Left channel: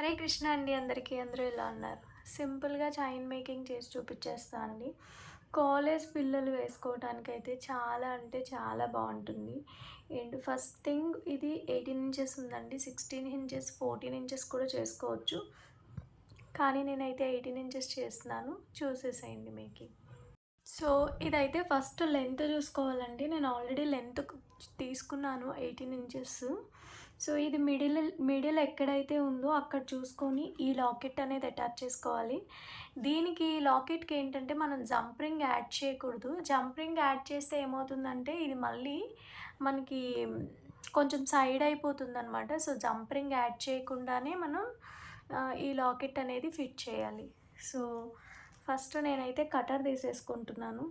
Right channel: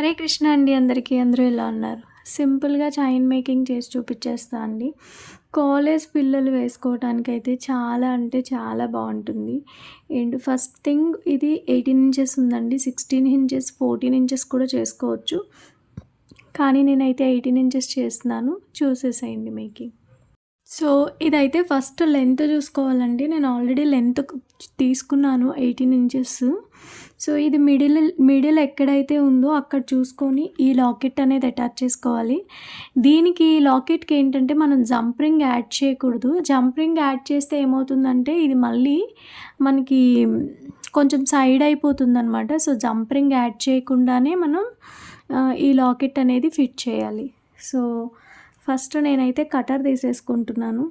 హరే కృష్ణ అండి అందరికీ. అందరూ ఎలా ఉన్నారు? సింపుల్‌గా చైన్ మేకింగ్ చేసి చూపిచ్చేస్తా అండి. కాలేజ్ పిల్లలు వేసుకోవటానికైతే చాలా అంటే చాలా బావుంటుంది. అండ్ ఫస్ట్ థింగ్ ఇది 18 ఇంచెస్ ఉందండి. 16 ఇంచెస్, 14 ఇంచెస్ కూడా చేసుకోవచ్చు. కానీ నేనైతే 18 ఇంచెస్ చేస్తున్నాను. చూసేసేయండి మేకింగ్. సో, ఇదైతే ఫస్ట్ లెంత్ చూసుకోవాలండి. నేను ఆల్రెడీ లెంత్ తీసుకున్నాను 18 ఇంచెస్. సో, ఇది మిడిల్ ఎక్కడైతే ఉందో అక్కడ చూసుకొని ఈ లాకెట్ అనేది అటాచ్ చేసుకోవాలి. దీనికి ఈ లాకెట్‌కి ఏంటంటే మనం జంప్ రింగ్ యాడ్ చేయకూడదు. జంప్ రింగ్ యాడ్ చేస్తే ఏమవుతుందంటే ఇది మళ్ళీ మనకి కొంచెం సైడ్ అయిపోతుందనమాట. సో, జంప్ రింగ్ యాడ్ చేయకుండానే మనం ఈ లాకెట్ అనేది ఫిట్ చేయాలి. సో, ఫస్ట్ నేనైతే కటర్ తీసేసుకుంటున్నాను.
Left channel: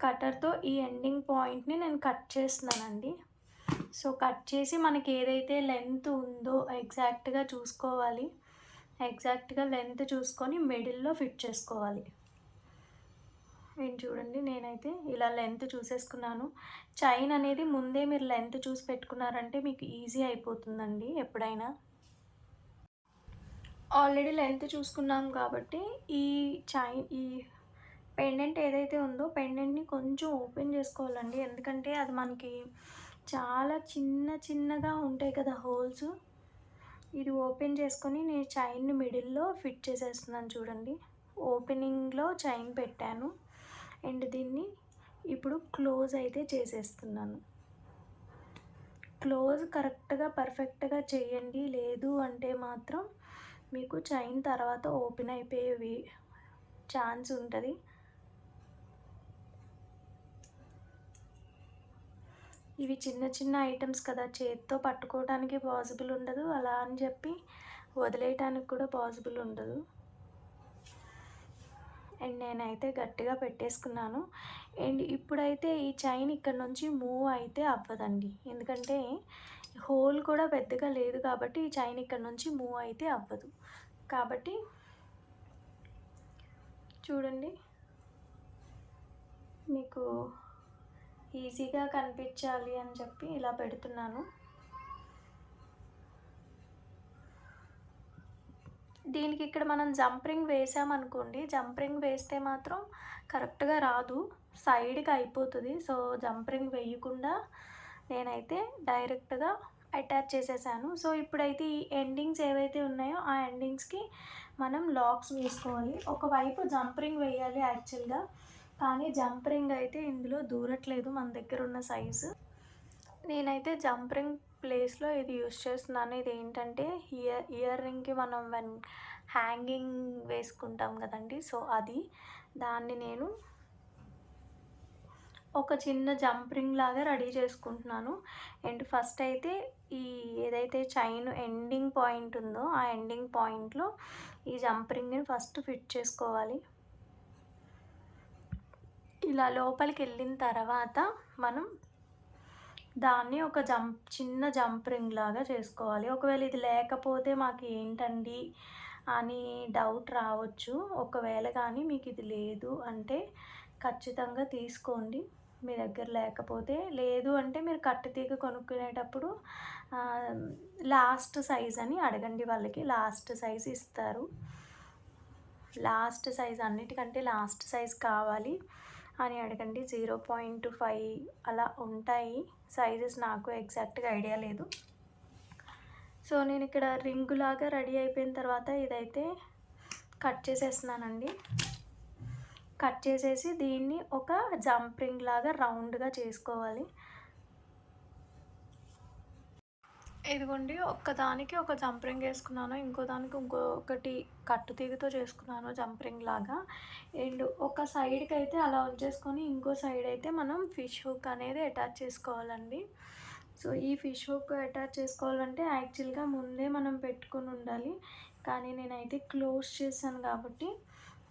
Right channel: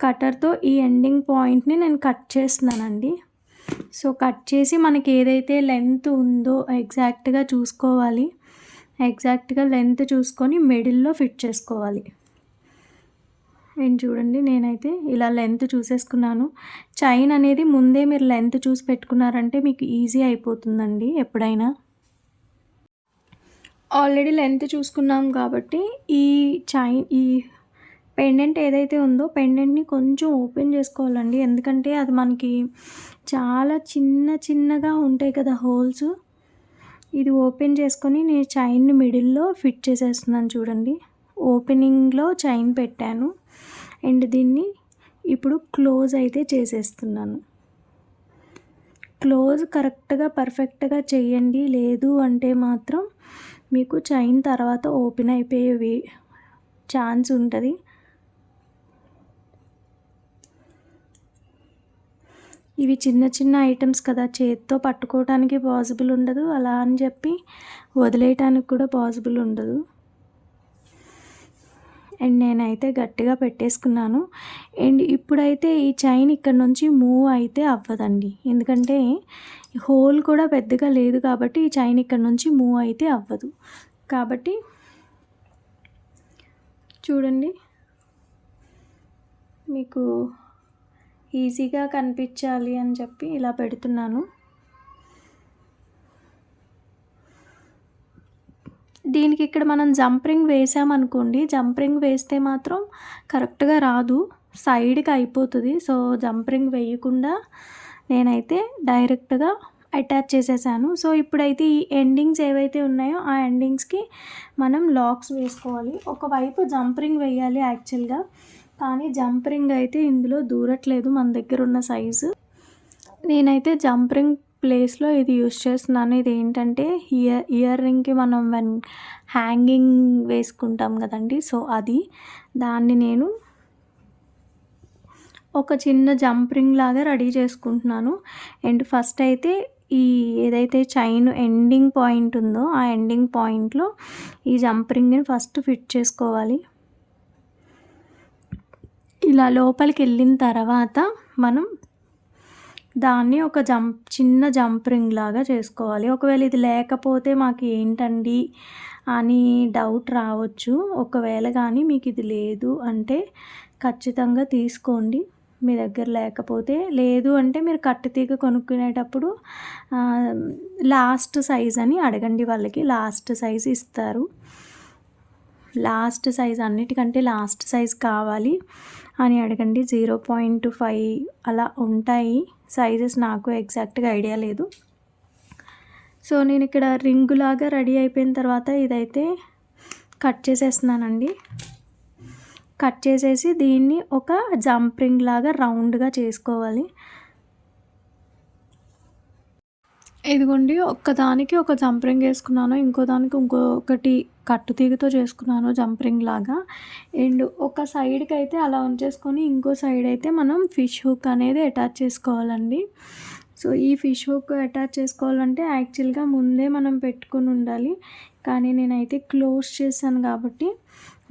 కటర్‌తో ఈ ఎండింగ్ పాయింట్‌ని నేను కట్ చేస్తున్నానండి. సో, కట్ చేసి మనకి ఏదైతే లెంత్ ఉందో ఎగ్జాక్ట్‌గా చూసుకోవాలి. ఎగ్జాక్ట్‌గా లెంత్ చూసుకొని మిడిల్‌లో ఫిట్ చేసుకోవాలి. అండ్ చూడండి నేనైతే ఇలా లెంత్ చూసేసుకున్నాను. చైన్ అనేది ముందే మీరు లెంత్ చూసి పెట్టుకున్నారంటే మీకు ఈజీ అయిపోతుందండి ఎప్పుడైనా. ఆల్రెడీ లెంత్ చూసుకున్నాం కాబట్టి ఈ పెండెంట్ ఏదైతే ఉందో పెండెంట్‌ని కొంచెం ఓపెన్ చేసుకోవాలండి. ఎందుకంటే అది మనకి చాలా చిన్నగా ఉంటాయి కదా హోల్స్. ఇది ఓపెన్ చేసుకొని నేను చైన్‌ని మిడిల్‌లో ఫిట్ చేసేస్తున్నాను చూడండి. ఓపెనింగ్‌లో చైన్ పెట్టాను. అండ్ దీన్ని ఇప్పుడు క్లోజ్ అయితే చేసేస్తున్నాను. క్లోజ్ కరెక్ట్‌గా పర్ఫెక్ట్‌గా చేయండి. లేదు అంటే మాత్రం మీకు చైన్ తర్వాత ఓపెన్ అయిపోయేవి ఛాన్స్ ఉంటది. ఇవి చిన్న ఐటెమ్స్ కదా! చేత్తో పట్టుకోవటానికి పాసిబుల్ ఉండదు. అలా అని చెప్పి వదిలేయటానికి కూడా పాసిబుల్ ఉండదు. అండ్ నేనైతే గట్టిగా పెట్టేసుకున్నాను. అండ్ ఇప్పుడైతే ఈ చైన్ ఇక్కడ నుంచి మూవ్ అయితే అవ్వదండి. ఎందుకంటే హోల్ కూడా పెద్దగా లేదు కాబట్టి ఈ చైన్ ఇక్కడ నుంచి మూవ్ అయితే అవ్వదు. కాబట్టి చూడండి మీకు ఈజీగా కనిపించాలి అని చెప్పి ఇలా పెడుతున్నాను. దీనికి ఇక్కడ మనం జంప్ రింగ్ వేసామనుకోండి, జంప్ రింగ్ వేస్తే మాత్రం కరెక్ట్‌గా రాదు. సైడ్‌కి అయిపోతది. సో, జంప్ రింగ్ వేయకుండా నేనైతే డైరెక్ట్‌గా అటాచ్ చేసేసాను. సో, ఇప్పుడైతే ఈ ఎండింగ్స్ ఏవైతే ఉన్నాయో ఆ ఎండింగ్స్‌కి మనం లాక్స్ వేసుకోవాలి. ఒకవైపు జంప్ రింగ్ వేయాలి యాక్చువల్‌గా. కానీ జంప్ రింగ్ అయితే ఇందులో దూరట్లేదు మన దగ్గర ఉన్న సైజు. నేనైతే జంప్ రింగ్ ప్లేస్‌లో ఇది యూజ్ చేస్తున్నాను. ఇదేంటంటే ఇయర్ రింగ్‌కి మనం హ్యాంగింగ్ వేసుకుంటాం గదండీ! సో, అది. దాన్ని నేను ఒక చిన్న జంప్ రింగ్ లాగా రెడీ చేసుకుంటున్నాను. అండ్ ఫస్ట్ అయితే ఈ ఏదైతే చైన్ ఎండింగ్ పాయింట్ ఉందో, ఆ ఎండింగ్ పాయింట్‌లో ఈ జంప్ రింగ్‌ని ఫస్ట్ ఫిట్ చేసుకోవాలి. ఇలా లోపలికెళ్ళిన తర్వాత మనం దాన్ని ఒక చిన్న జంప్ రింగ్ లాగా చేసుకోవాలి. ఒకవేళ ఇది లేకపోతే మాకు ఏంటండి అని డౌట్ రావచ్చు. ఒకవేళ గానీ మీకు ఇది లేదు అంటే ఖచ్చితంగా తీసుకోండి. మీ దగ్గర లేకపోతే. లేదు అంటే మీరు కట్టుతీగ కొనుక్కునేటప్పుడు లాస్ట్ సైజ్ అని అడగండి వాళ్ళకి. లాస్ట్ సైజ్ ఇస్తారు. లాస్ట్ సైజ్ అన్నిటికంటే లాస్ట్ సైజ్ కావాలి అని అడగండి. 0.5 అలా ఉంటాయి సైజెస్. నాకు ఎగ్జాక్ట్‌గా ఐడియా లేదు. సో, నేనిక్కడ రింగులాగా రెడీ అయిపోయిన తర్వాత ఇదైతే కట్ చేసేస్తున్నానండి. కట్ చేసేసి దీన్ని ఒక జంప్ రింగ్ లాగా రౌండ్‌గా చేసుకోవాలి. ఇదిగోండి ఒక్కదానికి ఒక జంప్ రింగ్ ఏసుకున్నాను. ఇంకో దానికి ఇంకొకటి కట్టుతీగతో చేసుకున్నాను జంప్ రింగ్ లాగా. అండ్ ఒక సైడ్‌కైతే అలా ఉంచేసుకొని ఇంకో సైడ్ అయితే మనం ఫిష్ హుక్ అనేది అటాచ్ చేసుకోవాలండి. సో, ఈ ఫిష్ హుక్ అటాచ్ చేసుకోవాలంటే యాక్చువల్‌గా ముందే మనం పెట్టుకొని ఉండాలి. కానీ నేనైతే క్లోజ్ చేశాను కాబట్టి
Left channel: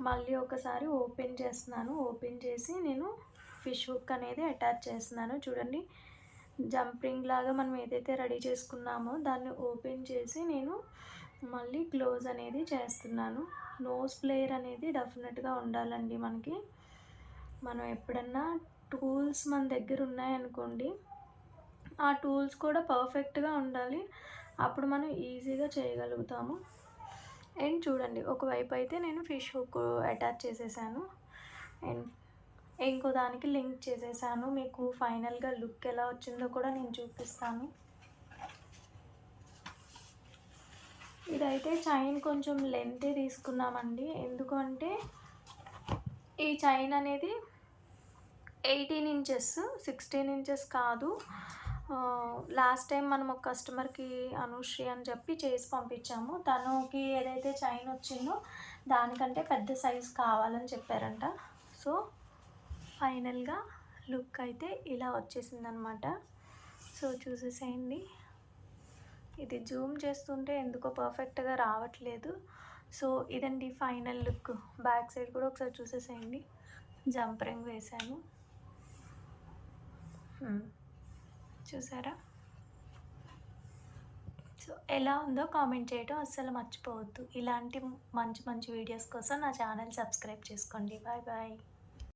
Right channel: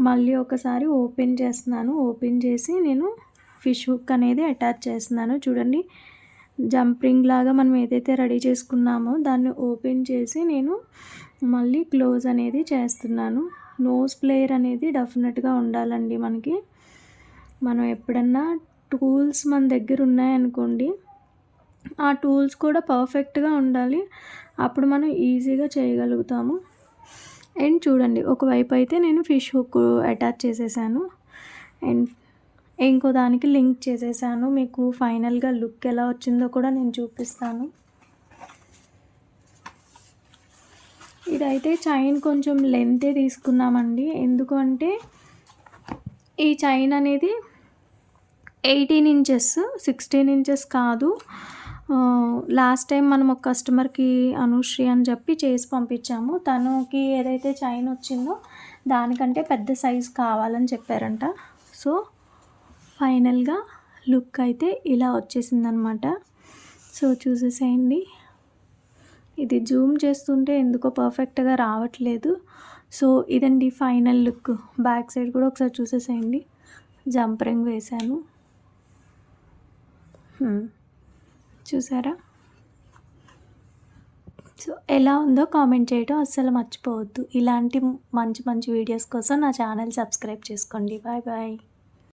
మళ్ళీ ఒకసారి ఓపెన్ చేస్తున్నాను. ఓపెన్ చేసి నేను ఫిష్ హుక్ అనేది అటాచ్ చేస్తున్నాను. చూడండి జంప్ రింగ్ లాగా మనం ఏదైతే రెడీ చేసుకున్నామో దాన్ని ఓపెన్ చేసి నేను మళ్ళీ క్లోజ్ అనేది చేస్తున్నాను. నోస్ ప్లేయర్ అనేది డెఫినెట్‌గా ఉండాలండి మనకి. మనం ఎప్పుడన్నా టూల్స్ మన దగ్గర ఉన్నాయనుకోండి, ఆ టూల్స్ కూడా పర్ఫెక్ట్‌గా ఉండాలి. అప్పుడు మనం ఈజీగా చేయగలుగుతాము. అండ్ చూడండి ఒకవైపు అయితే నేను ఫిష్ హుక్ అటాచ్ చేసేసాను. అండ్ ఇంకో దానికి లింక్ చేసేసాను. మీకు ఫైనల్‌గా లుక్ ఎలా వచ్చిందో కూడా నేను చూపిస్తాను. ఇదైతే చైన్ కొంచెం లెంతే తీసుకున్నామండి. ఎందుకు అంటే ఈ చైన్ అనేది 18 ఇంచెస్, 16 ఇంచెస్ కాదు. లాస్ట్ టైం మనం ఒక కస్టమర్‌కి అనుశ్రీ అని చెప్పి చేసి పంపించాము. తనకి ఏదైతే చైన్ వచ్చిందో దానికంటే పెద్ద సైజ్ కావాలని చెప్పారంట. సో, ఫైనల్‌గా లుక్ అయితే ఇలా వచ్చేసిందనమాట. సో, చూసేసేయండి. ఇది జూమ్ చేస్తుంటే ఎందుకో పర్ఫెక్ట్‌గా రావట్లేదు. సో, ఇదండి ఫైనల్ లుక్. బ్యాక్ సైడ్ కూడా ఒకసారి చూసేసేయండి. జంప్ రింగ్ వేశాను. చూసారా? సో, ఎలా ఉందో కామెంట్ చేయడం అస్సలు మర్చిపోవద్దు. ఇలాంటి మంచి మంచి వీడియోస్ కోసం నా ఛానల్ సబ్స్క్రైబ్ చేసుకోండి. Bye bye.